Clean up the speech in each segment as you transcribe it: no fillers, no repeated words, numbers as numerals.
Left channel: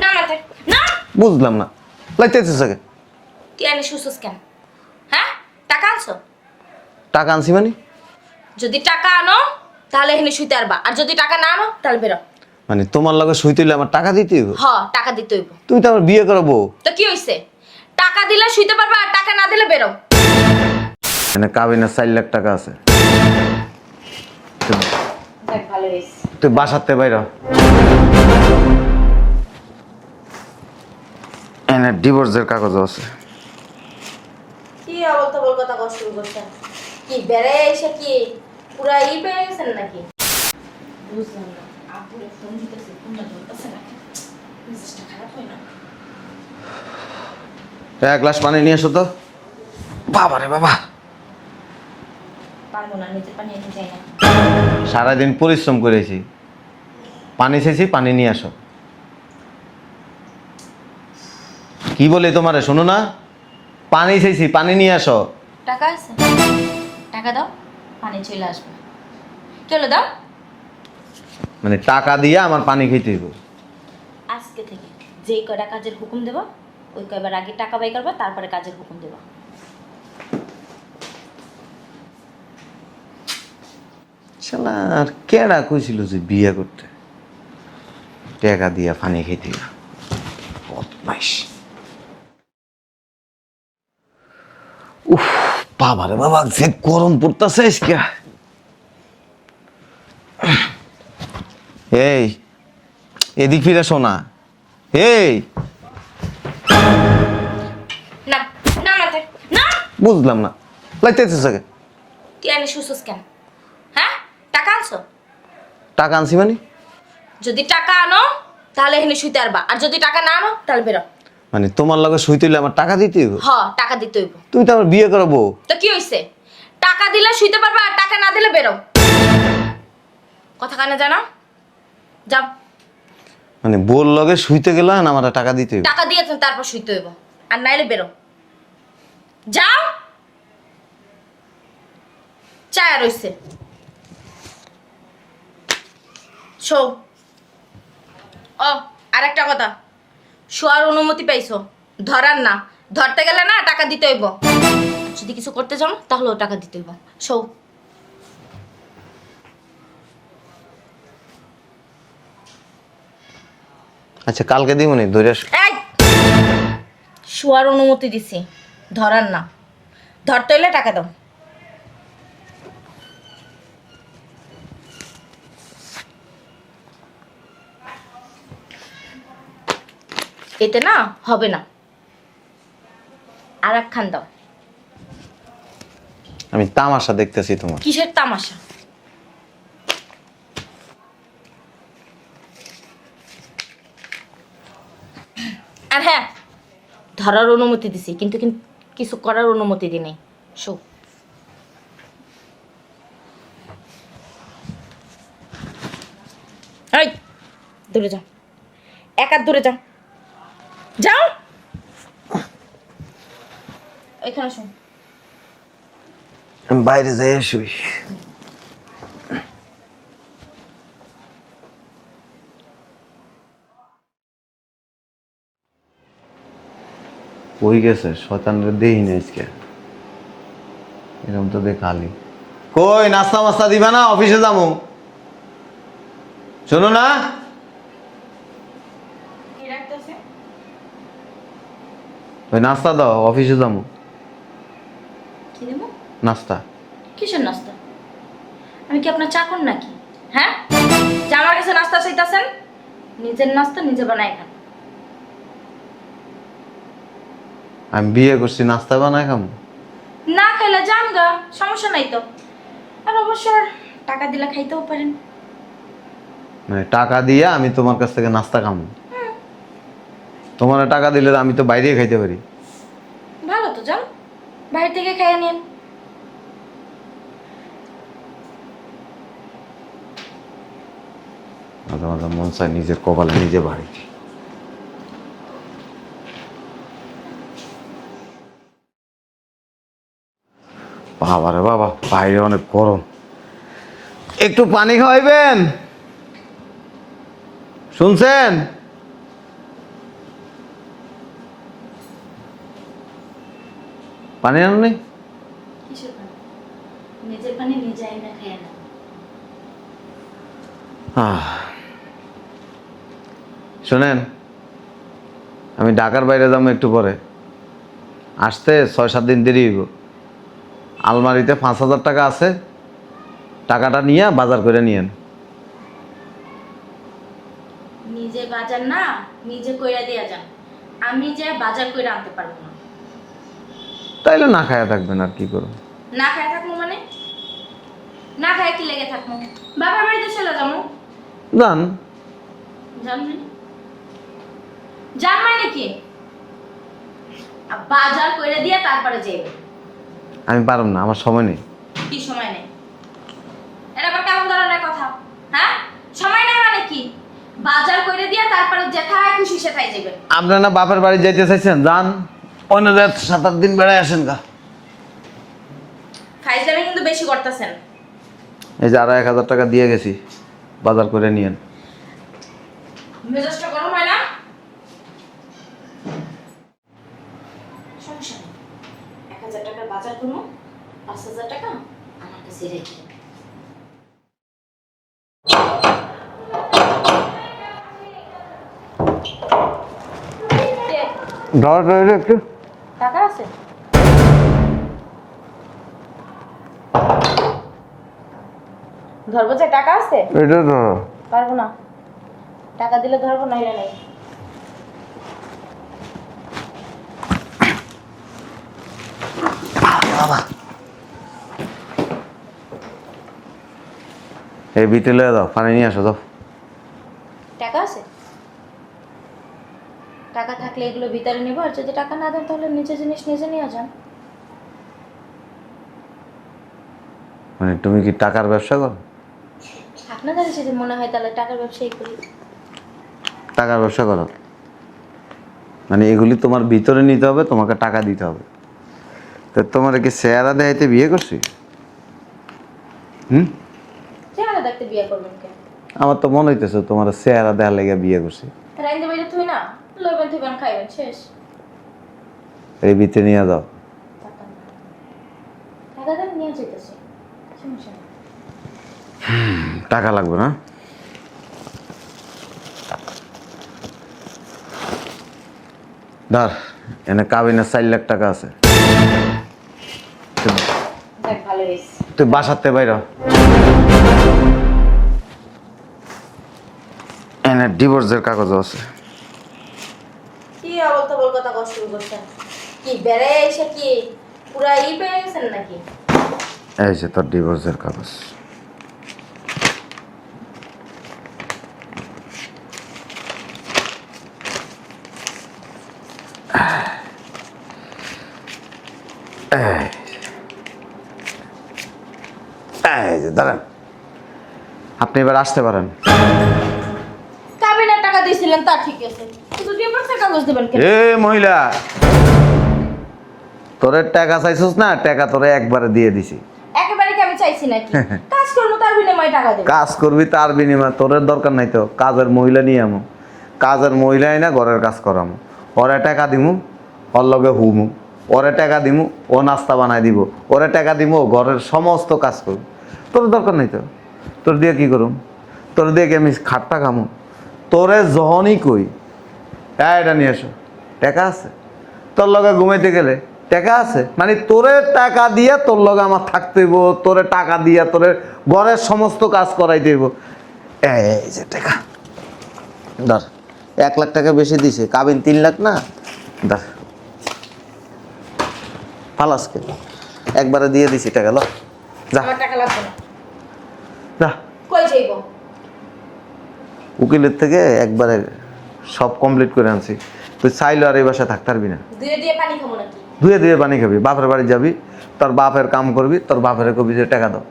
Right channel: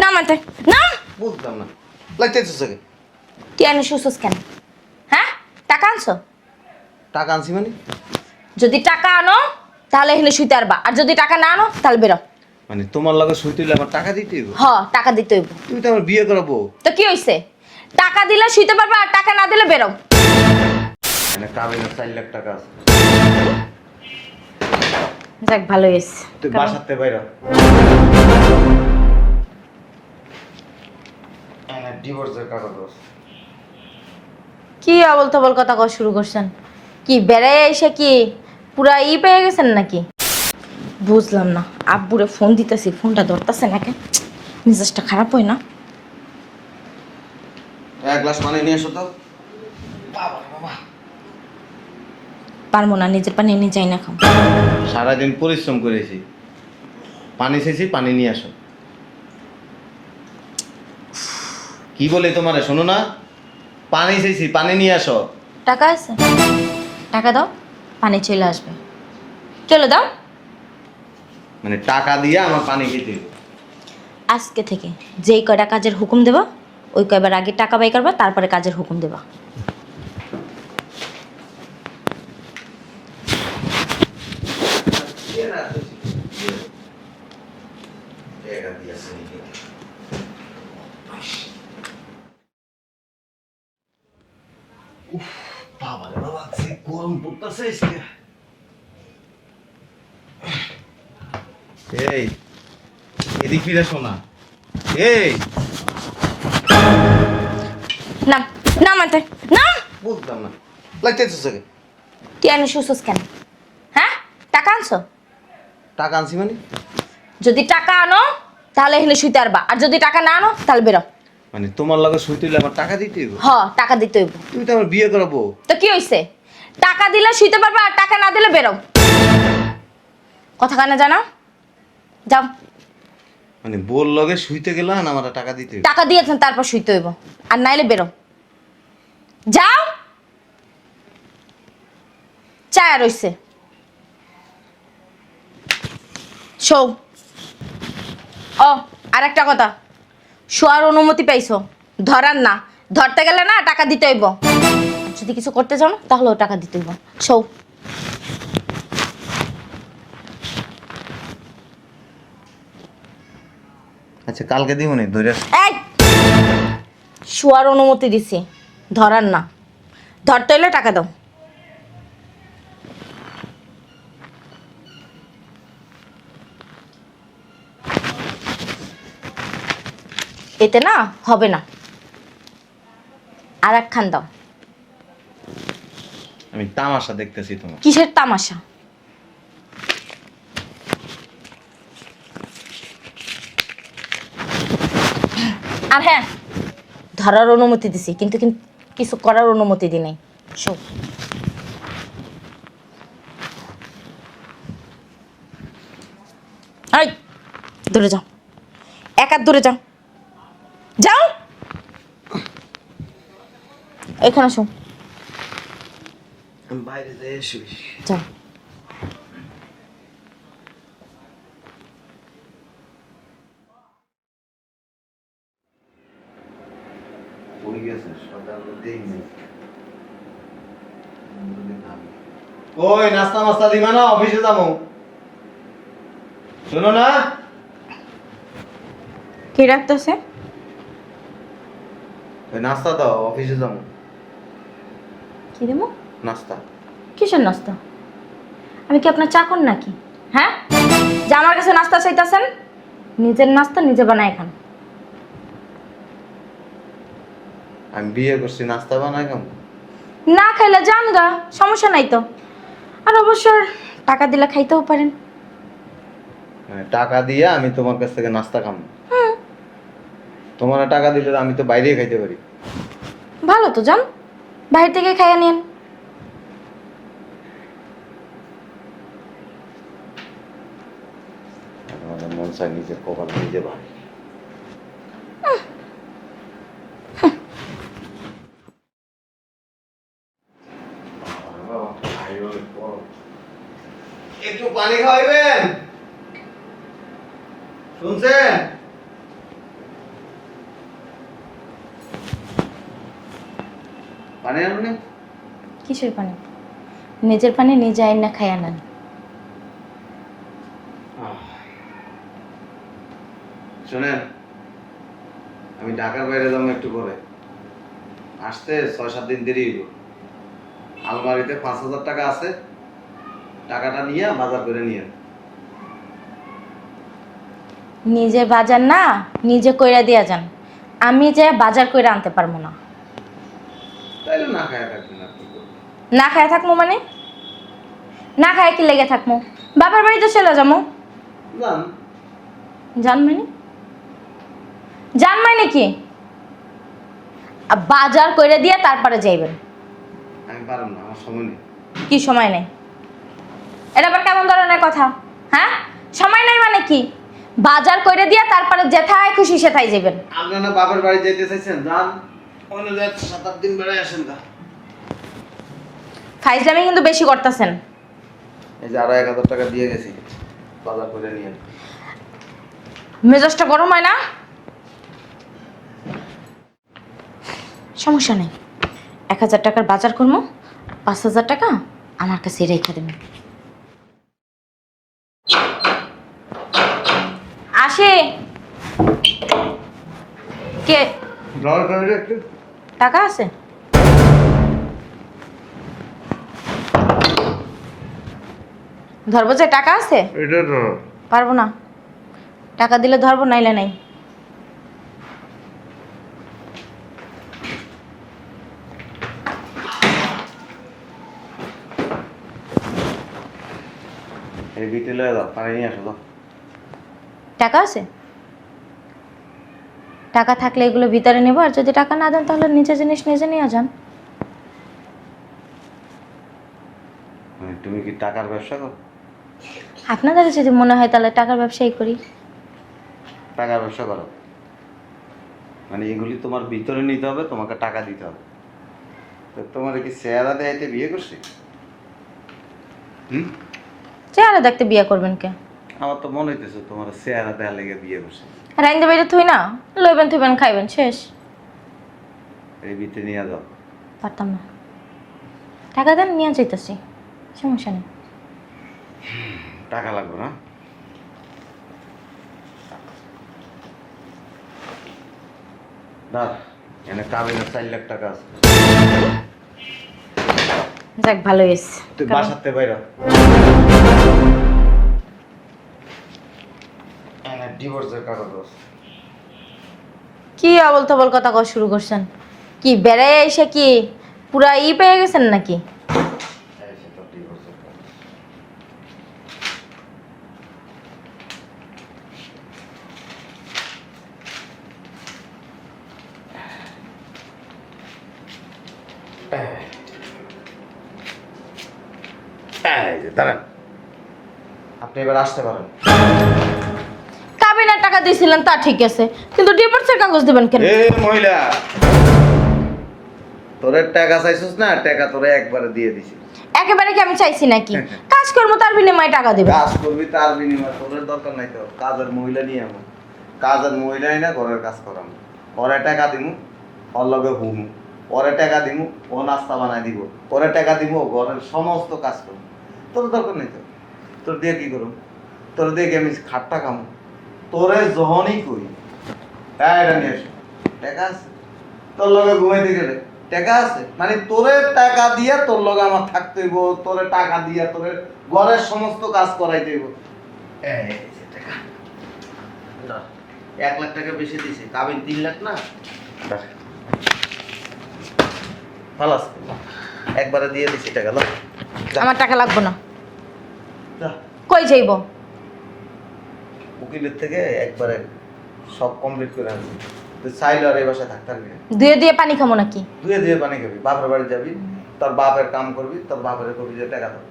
নামাতে না। বুঝলাম না, লাগতেছিস আগে। তুই এনে শুছস কেন? হ্যাঁ, টাকা আনছো? টাকা আনছি মানে? যদি টাকা আনো তাহলে এখানে শুইতে পারবা, আর যদি টাকা না আনো তাহলে বেরো। মানে তোমার লগে শুইতে হইলে আমার টাকা দিতে হইব? হ, টাকা দিতে হইব। তুই তো আমার বিয়ে করাবো। তো কি হইছে? টাকা দিলে শুইতে পারবা, আর টাকা না দিলে বেরো। মানে কাবিনে 4 লাখ টাকা আছে। যাক, ভালো হইছে। তুই বাসাতে বাইর হ। এনে ডিভোর্সের কাগজ আছে। কি আবল তাবল কথা কওয়া শুরু করছেন? কি বেড়াই এসে কি পুরা পেয়ে গেছেন নাকি? বুঝলাম না। আব্বুরে ফোন দিতেছি, ফোনটা ধরতেছে নাকি? মেজাজটা খারাপ হয় না? এক গ্লাস পানি নিয়ে এসো তো। বাবা রে বাবা, পারবো না, নিজের পানি নিয়ে যাই না। খাও। সারাদিন পরিশ্রম করেছি, পানি চেয়েছি, পানি নিয়ে আসো। কি বলে তোমারে, শোনো না? পানি চেয়েছি, পানি নিয়ে আসো। টাকা আছে? টাকা দাও, পানি চলে আসবে। চলো দাও। মানে টাকা দিয়ে আমার পানি খেতে হইব। আজকে থেকে যেই কয়টা কাজের হুকুম দেবা, ওই কয়বার আগে টাকা বাই করবা, তারপরে কাজের হুকুম দেবা। কেডা কইছিল যে বিয়ে করতে টাকা দিয়া পানি খেতে হইব? বদমাইশ। উফ, বাবা রে বাবা, যে গরম পড়তেছে আজকে। এই, এদিক ফিরে শোনা। এই, না, না মানতে না। বুঝলাম না, লাগতেছিস আগে। তুই এনে শুছস কেন? হ্যাঁ, টাকা আনছো? টাকা আনছি মানে? যদি টাকা আনো তাহলে এখানে শুইতে পারবা, আর যদি টাকা না আনো তাহলে বেরো। মানে তোমার লগে শুইতে হইলে আমার টাকা দিতে হইব? হ, টাকা দিতে হইব। তুই তো আমার বিয়ে করাবো। তো কি হইছে? টাকা দিলে শুইতে পারবা, আর টাকা না দিলে বেরো। কথা কানে জানা? যাও। মানে বোর লগে শুইতে গেলে না আমার টাকা দিতে হইব? টাকা দিয়েছেন তারপর শুইতে হইব, আর নাইলে বেরো। যাও। চায়া রইছে। শো। ও, আর একটা কথা, শোয়ার অনুমতি পাইছো, ধরার না। ধরতে গেলে না টাকা দিতে হইব। যদি কিছু করতে চাও না তাহলেও টাকা দিতে হইব। শো। আচ্ছা, কালকে দিমুনি ধরে। এই, শোয়ার অনুমতি দিছি, ধরার না। ধরতে হইলে টাকা দাও। এতে না হবে না, আর একখান দাও। আমি তামাশা দেখতেছি তোমার। কিসের তামাশা? আর হ্যাঁ, ধরার অনুমতি দিছি, কিন্তু কিছু করার অনুমতি দি নাই। শোন, এই দূরে যাও, এক হাত দূরে যাও। যাও, এখানে শোন। আমি বাইরে যাই শুই। যাও। কই গেছে শয়তানরে দেই না আজকে। এরকম তো দেখালি। কই নাস্তা মাস্তা দিবা না? অফিসে যাবো। শোনো না, কে রাখতেছে? ওই নাস্তা দাও, অফিসে যাবো। কি দেবো? নাস্তা। কিসের নাস্তা? আমি কি আপনার চাকর নাকি? হ্যাঁ, যে আমার কাছে নাস্তা চাইতেছেন? নিজের নাস্তা নিজে বানায় খান। আমি বিয়ে করছি, নাস্তা বানাই খাবো? না খাইলে যান গা, সমস্যা নাই তো। আর অবশ্য টাকা দিলে খাইতেও পারেন। মানে টাকা দিয়ে আমি তোমার কাছ থেকে নাস্তা খাবো? তোমার টাকা দিলে আমি তো বাইরেই খাইতে পারি। ভালো তো, যান বাইরে থেকে খাইয়ে নিন। মাঝে মাঝে মন চায় নিজের কপালে নিজে বাড়ি। বাবা রে বাবা, বাইরে অনেক গরম। একটু পানি খাওয়াইবেন? শুনছেন? পানি আনলে? কিসের পানি? নিজের পানি নিজে আইন না খাইয়া নেন। শোনেন, আমি ঢাকার বাইরে যাবো একটু পরে, আসতে 6-7 দিন দেরি হইব। আলমারিতে 5,000 টাকা আছে, টাকাটা নিয়ে বাজার করে নিয়েন। নিজে বাজার না নিজে কইরা দিয়া যান, আমি যে বাজার কইরা আনতে পারবো না। তাইলে না খায়া থাকবেন, আর কি করবো? না খায় থাকবো মানে? না খায় কি লেগে থাকবো? বাবার বাড়িতে চলে যাবো। যান। জান মানে? জান মানে কি? বাজার কইরা দিয়া তারপরে যাইবেন। আমি পারব না, আমার সময় নেই। কি সময় নেই? এটা আবার কেমন ধরনের কথা? হ্যাঁ, সময় নাই মানে কি? বাজার কইরা দিয়া তারপরে যেথায় খুশি সেথায় যাইবেন। আপনারা না বাপের বাড়ি যাইতে চাইছেন, যান। অন্য 7-8 দিন বেড়ায় আসেন গা। ফাইজলামি কিন্তু বেশি করতেছেন। এই যে আরো 1,000 টাকা দিয়ে গেছি, বাজার করে নিয়েন। মেজাজটা গরম হয় না? সমস্যা নেই, 1,000 টাকার বাজার করবো, 5,000 টাকা আমার কাছে রেখে দেবেন। আসে কে? একটু টাকা আছে? ধরবো যে টাকা আছে? এটা না, পারবো না, টাকা দিলে ধরবো, নাইলে নাই। এই বিটে লয়ে দাও, পানি নিয়ে আসো যাও। টাকা আছে? টাকা থাকলে এগুলো ভিতরে নেবো, আর যদি টাকা না দেন তাহলে নিচে জিনিস নিজে নিয়ে যান। মানে তুমি কি টাকার ব্যবসা করো? আপনাদের যদি মনে হয় তাহলে টাকার ব্যবসাই করি। টাকার ব্যবসা করো মানে এগুলি তোমার ভিতরে নিতে হবে, তোমাকে টাকা দিতে হবে। তো তোমার কি চেহারা দেখাইতে বিয়ে করছি? চেহারা দেখতে বিয়ে করবেন কে? আমার তো মনে হইতেছে তোমার চেহারা দেখার লেগে বিয়ে করছি। রাইন্দে বাইরে থুই না, লইবেন থইবেন খাইবেন, শেষ। এই বিতে নিয়ে যাও। পারতাম না। টাকা দেন, নিয়ে যাইতেছি, সমস্যা নেই। টাকা লাগবে না? ধর, এনে কাবিনে 4 লাখ টাকা আছে। যাক, ভালো হয়েছে। তুই বাসাতে বাইর। এনে ডিভোর্সের কাগজ আছে। কি আবল তাবল কথা কওয়া শুরু করছেন? কি বেড়ায় এসে কি পুরা পেয়ে গেছেন নাকি? এই যে তোর ডিভোর্সের কাগজ। এই যে দাঁড়ান, আপনি এবার আসতে পারেন। কাবিনের টাকা দিয়েছিলেন তা ঠিক আছে, কিন্তু ডিভোর্সের কাগজ দেবেন কেন? এ মহিলা, তোরে টাকা চাইছিস না? টাকা তোরে একবারে দিয়ে দিছি। একেবারে কি আমি চাইছি নাকি? কাজ করবো তার বিনিময়ে টাকা দিবেন। কাজ করবি তার বিনিময়ে, তোরের দরকার নাই তো। কাজের মহিলা নিয়ে আমো, কাজের মহিলাই না ঘরের কাজ করামো। ওরে টাকা দিমু, ওর লগে হুমু। ওরে টাকা দিমু, ও নাস্তা বানাই দিব। ওরে টাকা দিমু, ও ঘরের সমস্ত কাজ করবো। তোর দরকার নাই তো। তোর দিয়ে কি করুম? তোর দিয়ে কি আমি খাট্টা খামু? তোরে যখনই কই হ্যাঁ এটা নিয়ে এসো, টাকা আছে? তোর লগে ঘুমাইতে গেলে টাকা আছে? মানে তোরে টাকা দিয়া তোর লগে আমার থাকতে হইব, তোরে টাকা দিয়া তোরে ঘরের সমস্ত কাজ করাইতে হইব। এই যে টাকা ধর, 1 লাখ টাকা বেশি দিছে, কাবিন 3 লাখ না? ধর পালাস কে? একবারে দিয়ে দিছি টাকা। না আমার টাকা লাগবে না। যা, কই যাইব? উকিলের থেকে একবারে সব কমপ্লিট করে আনছি। তুই চাইলে আর এই বাসায় থাকতে পারবি না। দুয়ে দিয়ে পানি খাবো নাকি? ধুয়ে ধুয়ে পানি খাবি, বাপের বাড়ি যাবি, তোর বাপের কাম করবি, তোর বাপের কবি যে টাকা দাও,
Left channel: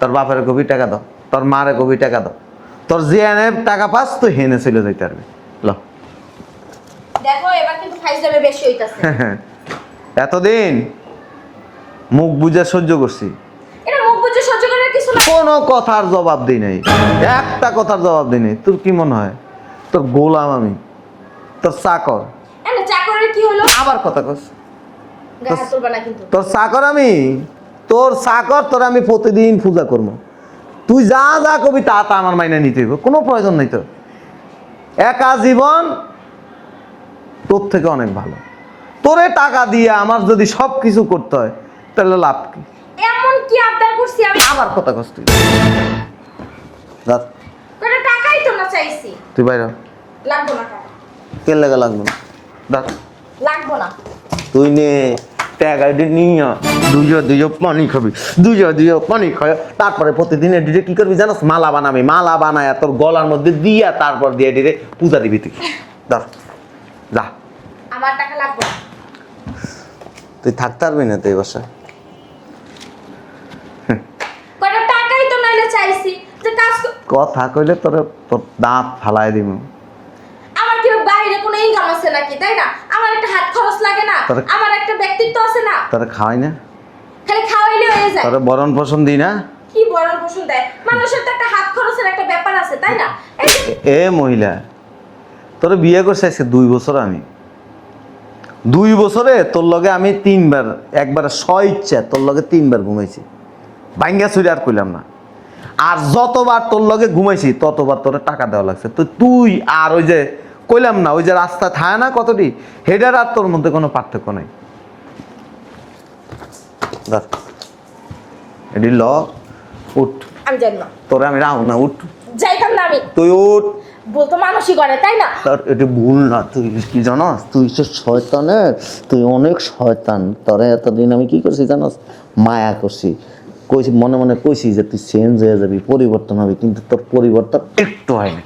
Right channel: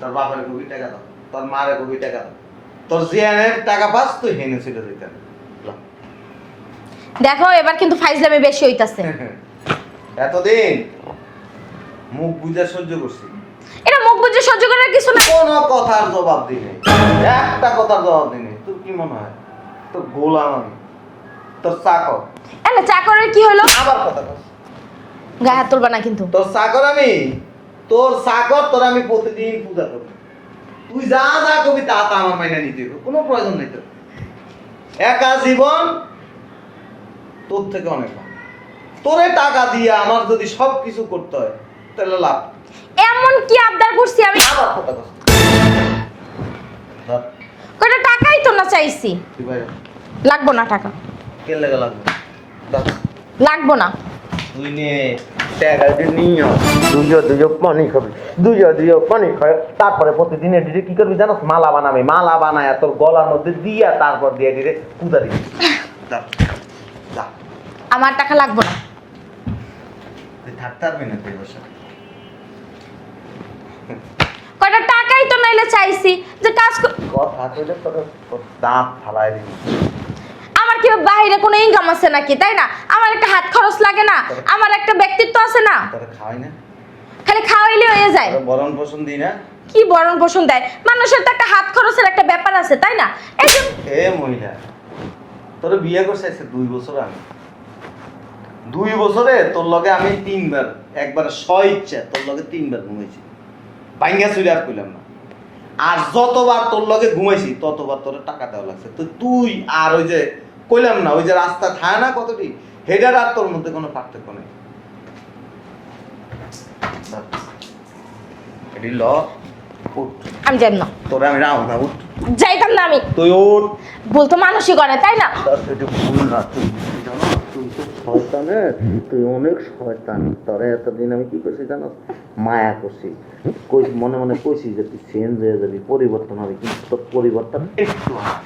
তোর বাপের কবি টাকা দাও, তোর মারে কবি টাকা দাও। তোর যে এনে টাকা পাস তুই হেনে চলে যাইতে পারবি। ল দেখো, এবার কিন্তু ফাইজলামি বেশি হইতাছে। এতদিন মুখ বুঝে সহ্য করছি, এটা মুখ বুঝে সহ্য করার কিছু না। কোনো কথার জবাব দিই নাই, একটা কথার জবাব দিই নাই। তোর কি মনে হয় তোর গোলাম আমি, তোর চাকর? না, চাকরের কি হলো? আবার কথা কস। গায়ে হাত তুলবা না কিন্তু। তোর চাকর আমি, তোর আমি প্রতিদিন পূজা করবো। তুই যা যা কবি তা তা আমার মাইনে নিতে হইব, কোনো প্রয়োজন নেই তোর। একা জীবন তোর থেকে অনেক ভালো। তোরে টাকা দিয়ে আমার যদি সব কিছু করতে হয় তাহলে লাভ কি? এমন কি আবদার করছি আমি? আবার কথা কষ্ট কয়টা টাকাই তো না চাইছি। তুই বাইরে লাগবো না টাকা। তেল লাগা লাগবে না, লাগবো না। তুই নে টাকা দিয়ে নিয়ে দুইজো পানি খাবি, দুইজো পানি খায়। তারপরে প্রতিদিন এডিটে কি করবি জানোস? মালা বানাবি, মালা বানায় তোর গলার মধ্যে দিয়া তারপর দিয়ে এডিটে পূজা দিবি তুই। যা। আমার টাকা লাগবো না। তুই থাকতে পারবি না তো এই বাসা? কয়টা টাকাই তো নইলে চাইছি যে কাজ কথা কইলে তোর দাঁত ফালাই দিব। আমার কি বাইরে কোনো ইনকাম আছে নাকি, তাই না? আমার একটা হাত খরচ লাগে না? আমার একটা ব্যক্তিত্ব আছে না? তোর খাওয়াই না? খালি খাওয়াইলে হয়ে যায়। তোর বরণ পোষণ দিই না? কি বরণ পোষণ দেয়? মানুষের তো একটা হাত খরচের একটা ব্যাপার আছে, তাই না? এই যে এ মহিলা, তোর বিয়ে করছে আজকে 2 বছর। আমি 2 বছরে তোর লগে আমি 3 বার, একবার ইচ্ছা তোর লগে 3 বার ঘুমাইছি। বাইঙ্গা ছুরি আর কইলাম না। আর যতবার তোর লগে ঘুমাইছি ততবার তোর টাকা দেওয়া লাগছে। তো তুই আর ওই যে কইলাম না, ওই যে রাস্তা থায় না কতটি, হেডার আর তোর মধ্যে কোনো পার্থক্য নাই। এডি ল উঠ। আমি জানি না। তোরে আমি রাও না, উঠ। যাইতাম না আমি। তুই উঠ। বলতো মানুষই করে, তাই না? এটা ভুল না, তুই জানাস তুই যে শয়তানের, তুই অনেক শয়তান। তোরে এতদিন আমি কি করছি জানাস? মায়া করছি, কইছি মনে মনে কইছি যে তুই চেঞ্জ হয়ে যাবি, পরিবর্তন হবি, কিন্তু তোর পরিবর্তন একটু হয় না।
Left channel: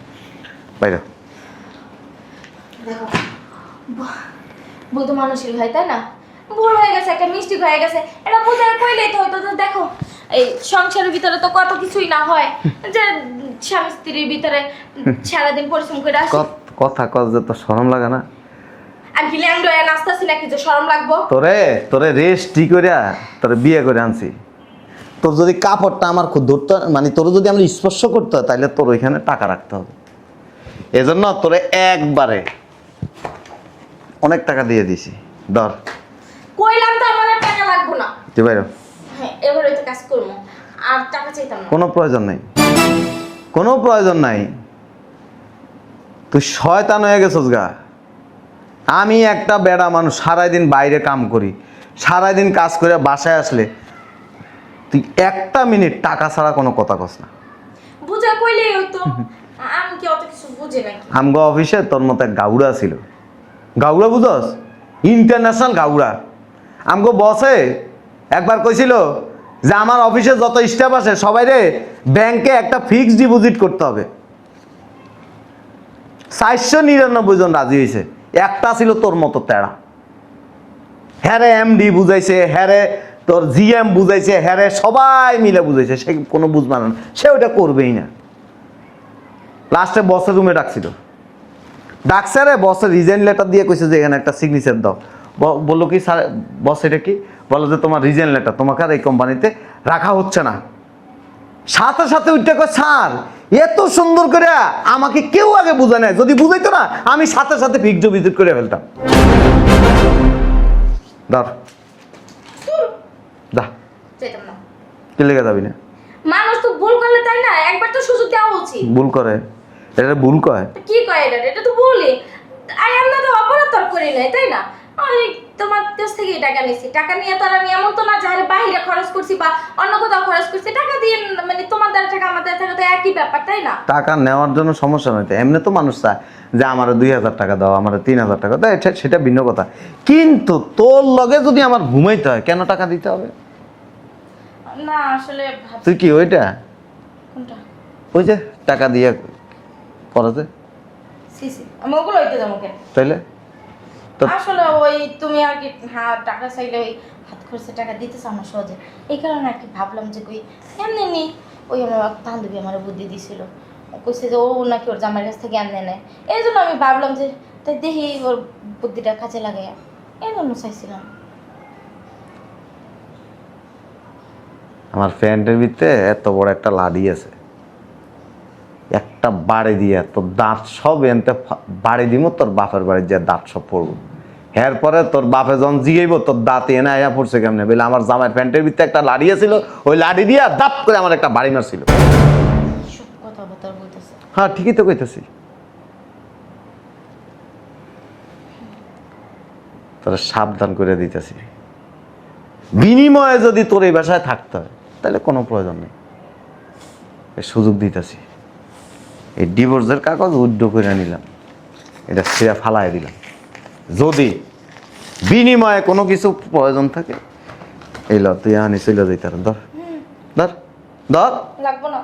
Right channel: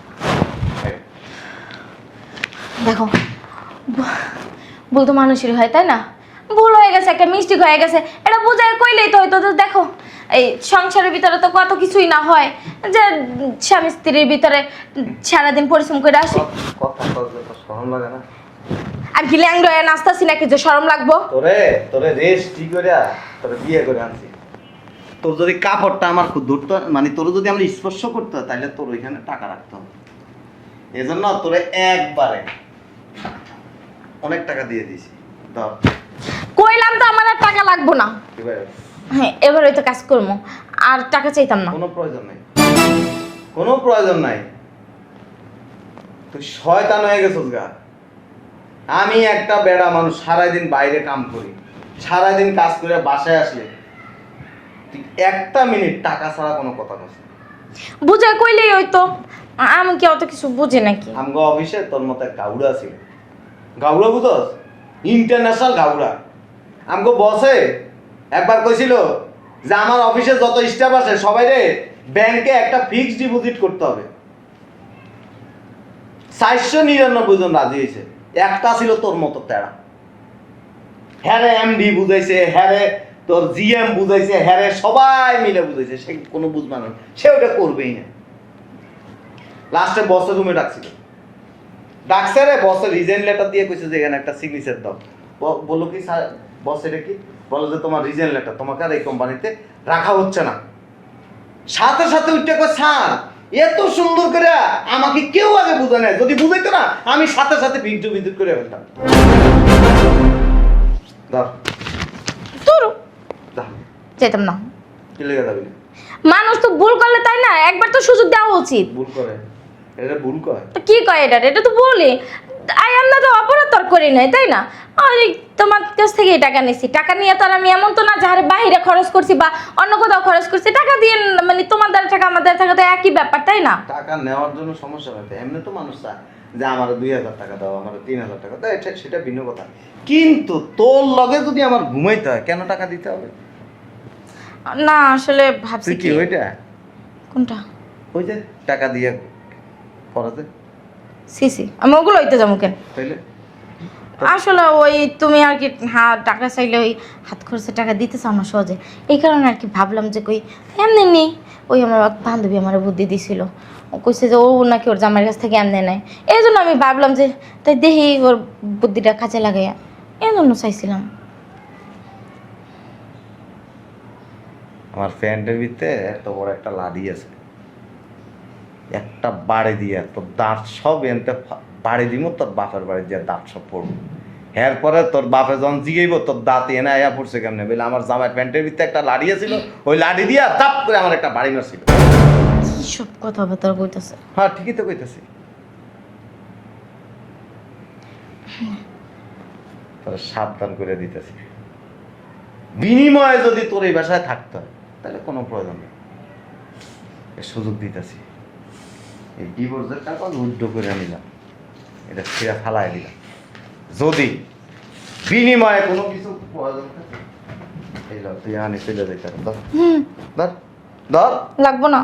বাইরে দেখো, বলতো মানুষেরই হয়, তাই না? ভুল হয়ে গেছে, একটা মিস্টেক হয়ে গেছে, এটা বুঝে কইলেই তো হয়তো। তো দেখো, এই সংসারের ভিতরে তো কত কিছুই না হয়, যে স্বামী স্ত্রীর ভিতরে সারাদিন পরিশ্রম করে আসি। কথা কর যে তোর শরম লাগে না? আর কি ল্যাংড়া হয়ে নাচতাছি নাকি যে শরম লাগবো? তোরে রেস্ট ঠিক করে তোরে বিয়ে করে আনছি। তোর যদি কাপড়টা আমার খুব ধরতে, মানে তোর যদি আমি স্পর্শ করতে হয় তাহলে তোর ওইখানে টাকা রাখতে হবে। এজন্য তোরে একবারে অনেক টাকা দিয়ে দিছি। ধর। কইলাম তো আমার আর টাকা লাগবো না। তুই বাইরে। হ্যাঁ, এবারে তো কাজ করবো, আর টাকা চাইতাম না। কোনো প্রয়োজন নাই, কোনো প্রয়োজন নাই। তুই শয়তান হয়ে গেছিস গা। আমি একটা বেড়া মানুষ, সারাদিন বাইরে কাম করি, সারাদিন কাজ করে বাসায় আসলে তুই একটা মিনিট টাকা ছাড়া কোনো কথা কস না। বুঝে কইলেই হয়তো। আমি কি অত কিছু বুঝে নাকি? আমগো অফিসে তোর মতো এক গাউড়া ছিল। গাউড়া বুঝস? ইন্টারন্যাশনাল গাউড়া। আমগো বসে একবার কইছিল যে আমার অফিসে যত স্টাফ আছে সবাই রে ব্যাংকে একটা ফিক্সড ডিপোজিট করতে হবে। 499 জন রাজি হয়েছে, একটা ছিল তোর মতো তেড়া। হ্যারে এমডি বুঝাইছে, হ্যারে তোর জিএম বুঝাইছে, হ্যারে সবাই মিলে বুঝাইছে, সে কোনো বুঝবা না, সে ওটা করবেই না। লাস্টে বসের রুমে ডাকছিল, ডাকছে রে, বসের রিজাইন লেটার দিয়ে কইছে যে এখানে একটা সিগনেচার দাও। বললো কি স্যার, বস এটা কি? বলো যে তোমার রিজাইন লেটার, তোমাকে আর এই কোম্পানিতে রাখা হচ্ছে না। সাথে সাথে উঠে কয় স্যার এত সুন্দর করে আমাকে কেউ আগে বুঝায় নাই, যদি বুঝাইতো না আমি সাথে সাথে ফিক্সড ভিজিট করে ফেলতাম। ধর তোর দা চাইতাম না। কি লেগে যাবি না? মানুষ তো ভুল করলে, তাই না? একবার তো সুযোগ দেওয়া উচিত। ভুল করে, এটা ভুল কয়। তো কি কয় এটা? এটা তো বলে আই এম না, তো অপরাধ তোর করি নাই, তাই না? আরে তোমার কাছ থেকে টাকা নিয়েছি, টাকা নিয়ে তো আর আমি এমন তো না যাহারে বাহিরে খরচ করছি বা অন্য কোথাও খরচ করছি। টাকা দিয়ে মানে তোমার দ্বারা টাকা আমার দ্বারা টাকা তো একই ব্যাপার, তাই না? টাকা নেওয়ার জন্য সমস্যা নয়, এমনি তো মানুষ চায় যে আমার 2000 টাকা দাও, আমার 3000 টাকা দাও, সেটা ভিন্ন কথা। কিন্তু তোর লগে যদি আমার ঘুমাইতে হয় কেন টাকা দিতে হবে? না আসলে ভাবছি। তুই কি ওইটা? কোনটা? ওই যে টাকা দিয়ে পড়াতে। সিসি আমি ওগুলো হইতে যাবো কেন? তাইলে আসলে ওই তুমি আর কি, হ্যাঁ টাকা চাইলে ওই হাত খরচে টাকা দিতেছ আমার সহজে, এই কারণে আর কি ভাবলাম যে কই এমনি নি। ওই আমার এক বান্ধবী আমার বুদ্ধি দিছিল, ও কইছে যে ও নাকি ওর জামাইয়ের কাছ থেকে এমনি নেয়, এই জন্য আমি ভাবলাম যে তাই দেখি ওর বুদ্ধিটা কাজে লাগাইয়া, এই জন্য চাইছিলাম। আমার ফ্রেন্ডের ভিতরে এত বড় একটা লাডি আছে, একটা বাড়ি দিয়ে তোর দাঁত সব এনতে বাড়ি দিব, তোর বাপের বাড়ির যে দাঁত সব পড়বো। এরপরে তোর বাপে যখন জিগাইব তোর দাঁতে এনে আয়া পড়ছে কেমনে বলে আমার জামাই প্যান্টের ভিতরে একটা লাড়ি ছিল, ওই লাড়ি দিয়া দাপ করে আমার একটা বাড়ি মারছিল। সব কথাবার্তা কইতাছে। হ্যাঁ ঠিকই তো কইতেছি। তোরা সাবধান করে দিতেছি, বিনিময়ে যদি তোর এই বাসায় থাকতে হয় তাহলে কোনো প্রয়োজন নেই। এই সুযোগ দিতেছি, এই ডিভোর্সের কাগজ উইথড্র করে নিলাম, এটা সে ফালাই দিলাম। যদি বিনিময়ে কোনো কিছু প্রয়োজন থাকে এই ল তুই আনি চলে যেতে ধর ধর ধর। লাগবো না।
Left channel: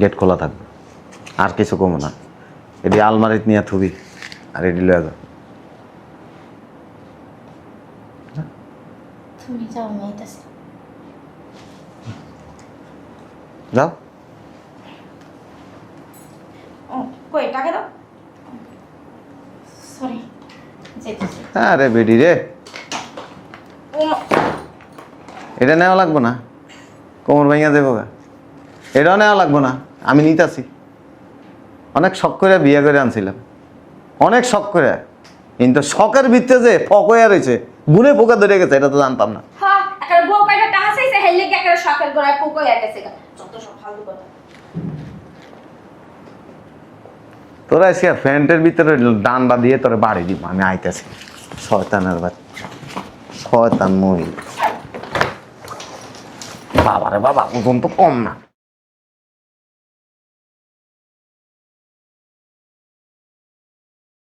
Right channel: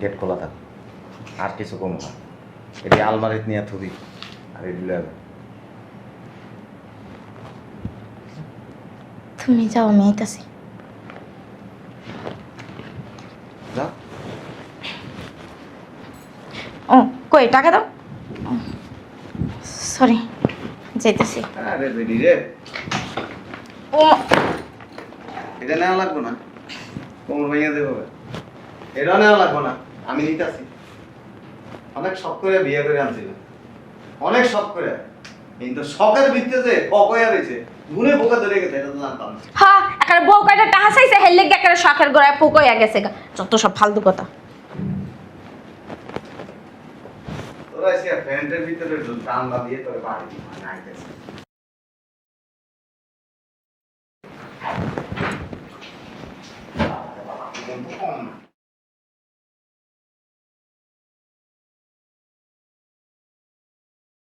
গেট খোলা থাক, আর কিছু কমো না। এটি আলমারিত নিয়ে থুবি আর এটি লয়ে যা। তুমি যাও, আমি আইতাছি। যাও। ও কই টাকা দাও। সরি, যাইতেছি। আরে বেডি রে, ও এটা নেওয়া লাগবো না, কোমর ভেঙে দেবো। এটাও নেওয়া লাগবো না, আমি নিতেছি। অনেক শখ করে বিয়ে করে আনছিলাম, অনেক শখ করে, কিন্তু শখের ভিত্তে যে ফক হয়ে রয়েছে, গুনে পোকা ধরে গেছে, এটা তো জানতাম না। হ্যাঁ, একটা বউ কয়টা টাকা চাইছে, হেললে একটা শখের গোড়ায় পোক হইয়া গেছে গা। যত সব ফালতু কথা। তোরা এসে প্যান্টের ভিতরে ডান্ডা দিয়ে তোরা বাড়ি দিব, আমি আইতেছি। শয়তানের বাচ্চা, শয়তান মহিলা। বাবারে বাবা, ওজন তো কম না।